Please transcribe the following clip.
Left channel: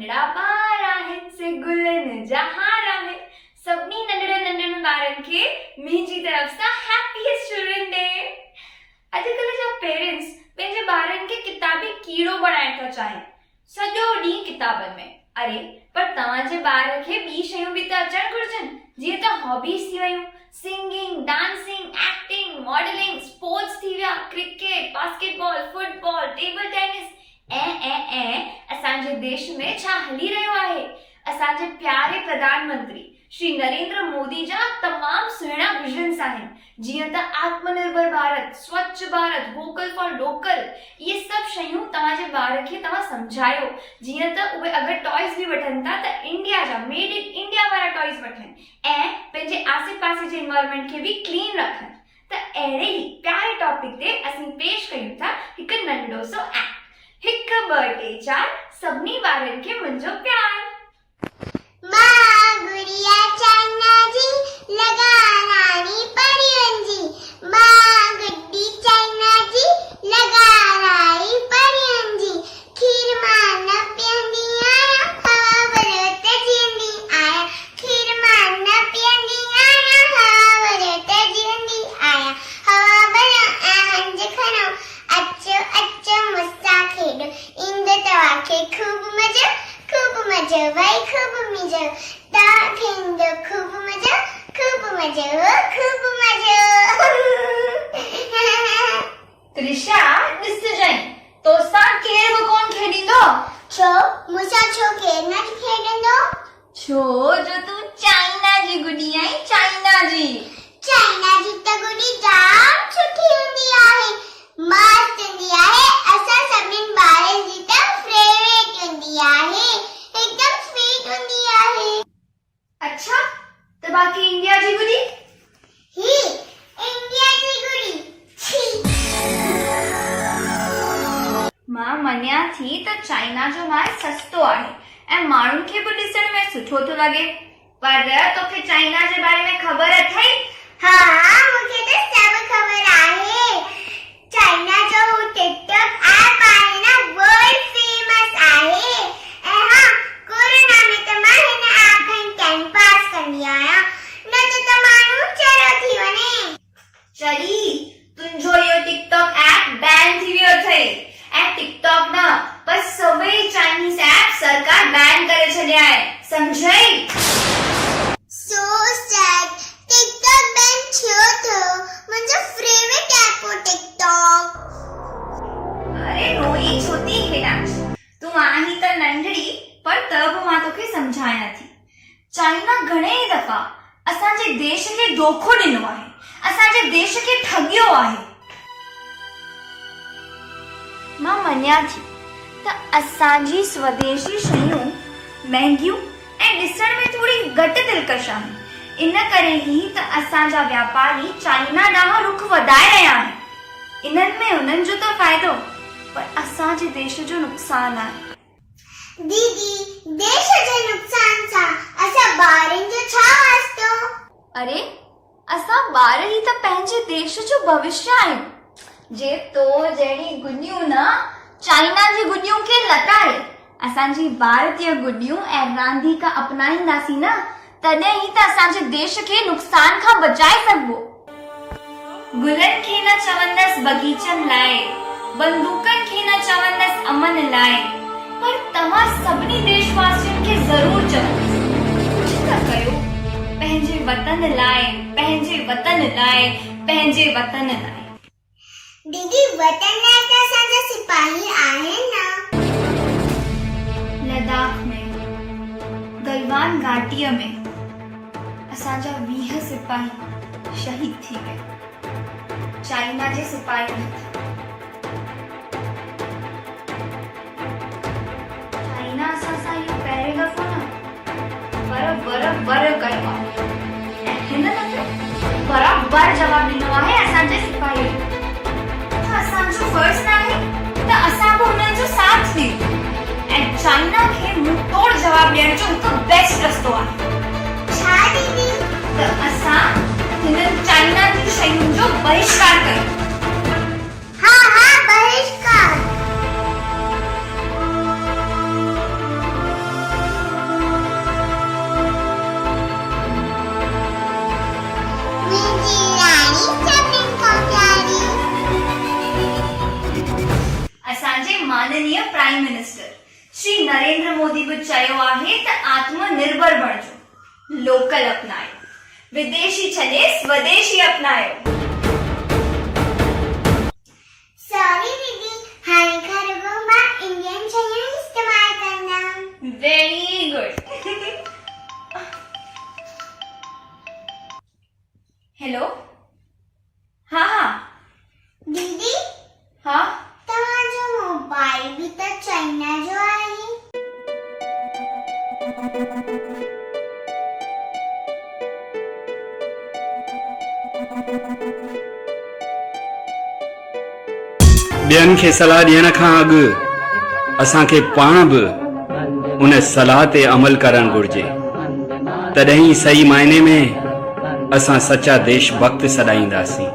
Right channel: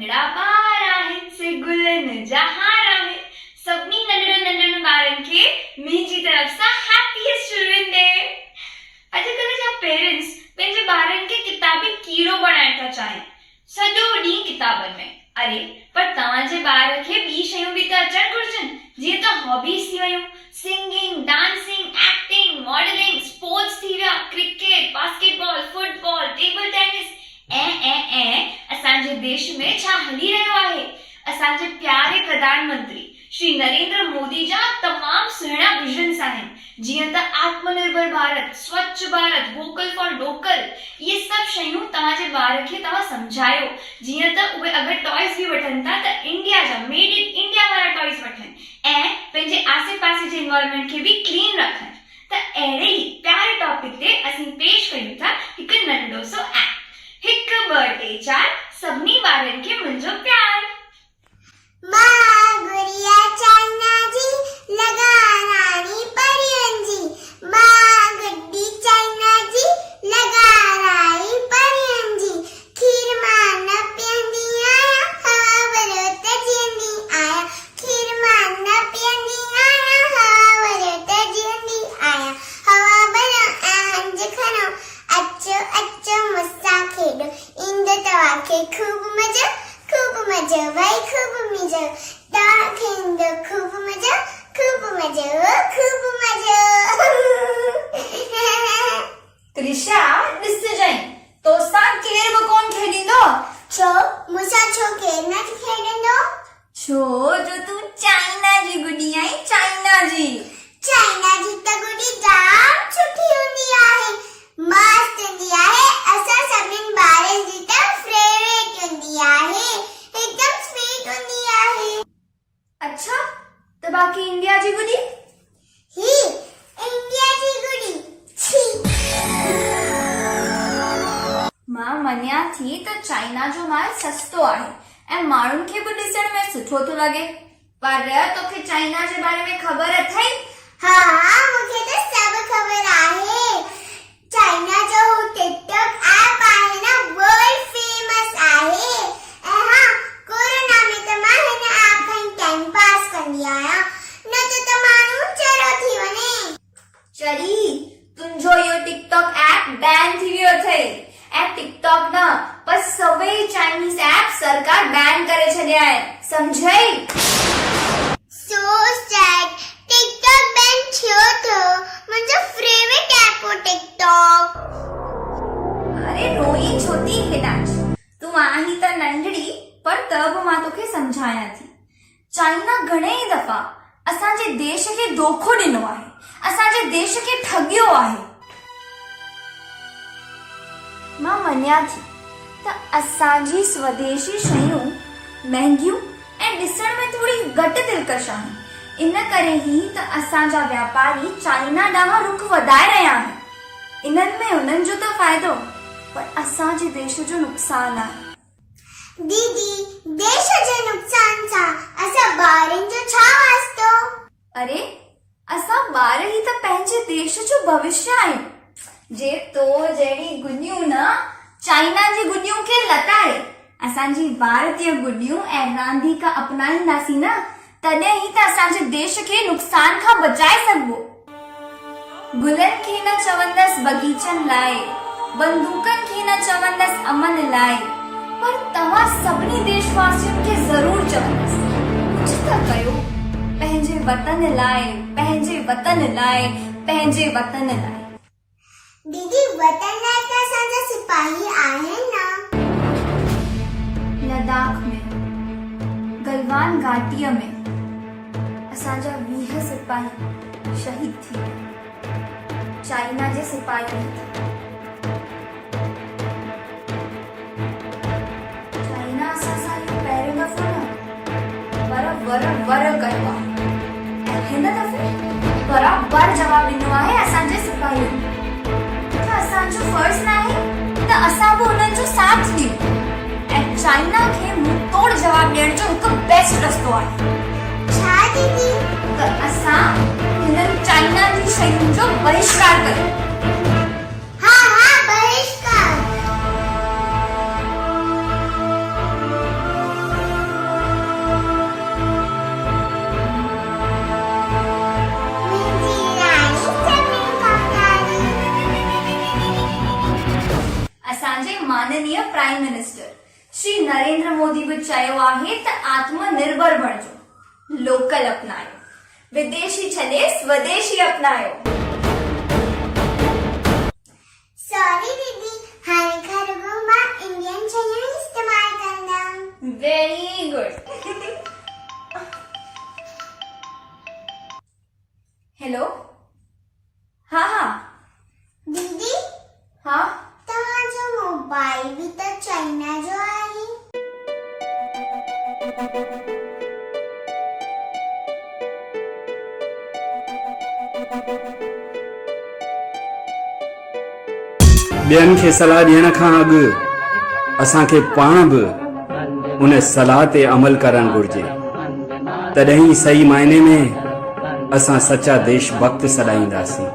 नंढड़ा ॿार आहिनि से गुलनि जहां आहिनि सभिनी नंढड़नि ॿारनि खे मुंहिंजी तरफ़ सां हैप्पीएस्ट चिल्ड्रन डे। अॼुकल्ह जा पेरेंट्स पंहिंजे ॿारनि खे किताबी कीड़ो बणाइण था चाहिनि, सॼो ॾींहुं किताबनि में। अरे पर तव्हांजे ॿार खे ॿी शयूं बि त अचणु घुरिजनि, जीअं त हॉबीज़ थी वयूं, singing, dancing, acting, modelling, sports थी विया, cricket, basketball, football, table tennis. असांजे देश में छा हली रहियो आहे? असांजे प्यारे प्रधानमंत्री श्री नरेंद्र मोदी जा तमाम सुहिणा विजन्स आहिनि, जीअं त आत्मनिर्भर भारत, स्वच्छ भारत, वोकल फॉर लोकल। ये सभु शयूं तव्हांजे ॿार खे तव्हां सम्झायो, जीअं त उहे अगरि टॉयज़ बि वठनि था त इंडिया जा, मेड इन इंडिया वारा टॉयज़ वठनि ऐं पंहिंजे आसे पासे जे एनवायरनमेंट खे बि क्लीन रखनि। त अहिड़े ई प्यारे टॉपिक ते असीं पेश कयूं था हिकु नंढो सो एक्ट, 1 2 3 4 सभिनी ॿारनि खे मुंहिंजो प्यार। मां गुड़िया चाइना जी लगा रानी परियन जी, मां गुड्डी चाइना जी लगा रानी परियन जी। खीर मां न पींदी आया, हवा बरत जींदी आया। खीर मां न पींदी आया, हवा बरत जींदी आया। हवा बरा हंज खनो, अचो अचो मुस्सा खेडो, इंद तवाके खूब मजा भाई, खूब मजा ताके इंद खूब मजा त्रिशा ॾिस जाई तो सां केर बि कोन खेॾींदो। छो मूंसां छो केर न खेॾंदो? छो जो तूं चाइना जी गुॾी आई, चाइना जी त गुॾी जाम सुठी हूंदी आहे, मस्त हूंदी आहे। असां सभिनी ॿारनि जी त फेवरेट हूंदी आहे, एकदम स्वीट हूंदी आहे। अच्छा त बाकी इंडिया जी गुॾी? ही इंडिया जी गुॾी छी। मां मञिया थी त चाइना जो माल सस्तो आहे ऐं माण्हुनि खे बि ॾिसण में सुठो थो लॻे, पर तोखे चाइना जे बारे में ख़बर अथई? हाँ, मूंखे त सभु ख़बर आहे। चाइना जो टिकटॉक ऐप आहे न, वर्ल्ड फेमस आहे। ऐं हाँ, कोरोना में त मां हिन ऐप खां टाइम पास कंदी आहियां, न त माण्हू चरो थी वञे। चली तुंहिंजो इहो टिकटॉक ऐप बैन थी वियो अथई ऐं टिकटॉक न पर सभई चाइनीज़ ऐप सरकार बैन करे छॾिया आहे, समझई? So sad, टिकटॉक बैन थियो थो, मुंहिंजो फेवरेट ऐप हो टिकटॉक। अरे रोई छो थी हेॾां? तूं आहीं त नंढड़ी, पर त बि मां तोखे सम्झायां थी। चाइना घणेई दफ़ा असांजे देश खे धोखो ॾिनो आहे, असांजे देश खे ठगियो आहे। मां मञिया थी त असांजी स्वदेशी शयूं महांगियूं ऐं ॾिसण में थोड़ी घटि दिलकश आहिनि, इन करे ई त असांजा व्यापारी चाइना ॾांहुं रुख वधाए रहिया आहिनि। इन्हनि में उन्हनि जो त फ़ाइदो, पर असांजे देश जो नुक़सान आहे। दीदी, देश जे नुक़सान सां असां ॿारनि जो छा वास्तो? अरे असां ॿार ई त पंहिंजे देश जो भविष्य आहियूं। जे तो जहिड़ी गुॾियूं न चाइना जी गुॾियूं खे लताड़े असांजी भारतीय गुॾियूं ऐं रांदीका अपनाईंदासीं न, तॾहिं ई त असांजे देश खे नुक़सान खां बचाए सघबो। गुलनि खे न चवंदसि बगीचनि लाइ, बंदूकनि खे न चवंदसि अमन लाइ, पर तव्हां सभिनी देशवासियुनि खे ज़रूर चवंदसि कुझु त कयो पंहिंजे वतन लाइ, पंहिंजे वतन लाइ, पंहिंजे वतन लाइ। दीदी, वतन लाइ त असांजा सिपाही आहिनि न। लद्दाख में, गलवान घाटीअ में असांजा 20 सिपाही शहीद थी विया चाइना जे सिपाहियुनि हथां। चाइना असां सां इहो पहिरियों दफ़ो न बराबरि कयो आहे ऐं हिन दफ़े बराबरि जवाबु ॾिनो आहे असांजे सिपाहियुनि। त असांजो फर्ज़ न आहे त असां बि हुननि जो साथ ॾियूं ऐं चाइना खे मुंहुं तोड़ जवाब ॾियण जो हिकु बेस्ट रस्तो आहे। छा दीदी? त असां हिननि चाइना जी शयुनि जो बहिष्कार कयूं। हाँ, बहिष्कार। माननीय प्राइम मिनिस्टर श्री नरेंद्र मोदी बि चयो आहे त आत्मनिर्भर बणिजो, लोकल अपनायो, विदेशी छॾे स्वदेशी अपनायो। सॉरी दीदी, हाणे खां रुॻो मां इंडियन शयूं इस्तेमाल कंदमि। Very good. हेलो, हाँ हाँ दीदी, हाँ, तव्हांजो मोबाइल बि त चाइना जो आहे। ॿियनि खे सलाह ॾियण खां अॻु असांखे पाण बि उन सलाह ते अमल करणु घुर्जे, तॾहिं सही मायने में असां सचा देशभक्त सॾाईंदासीं।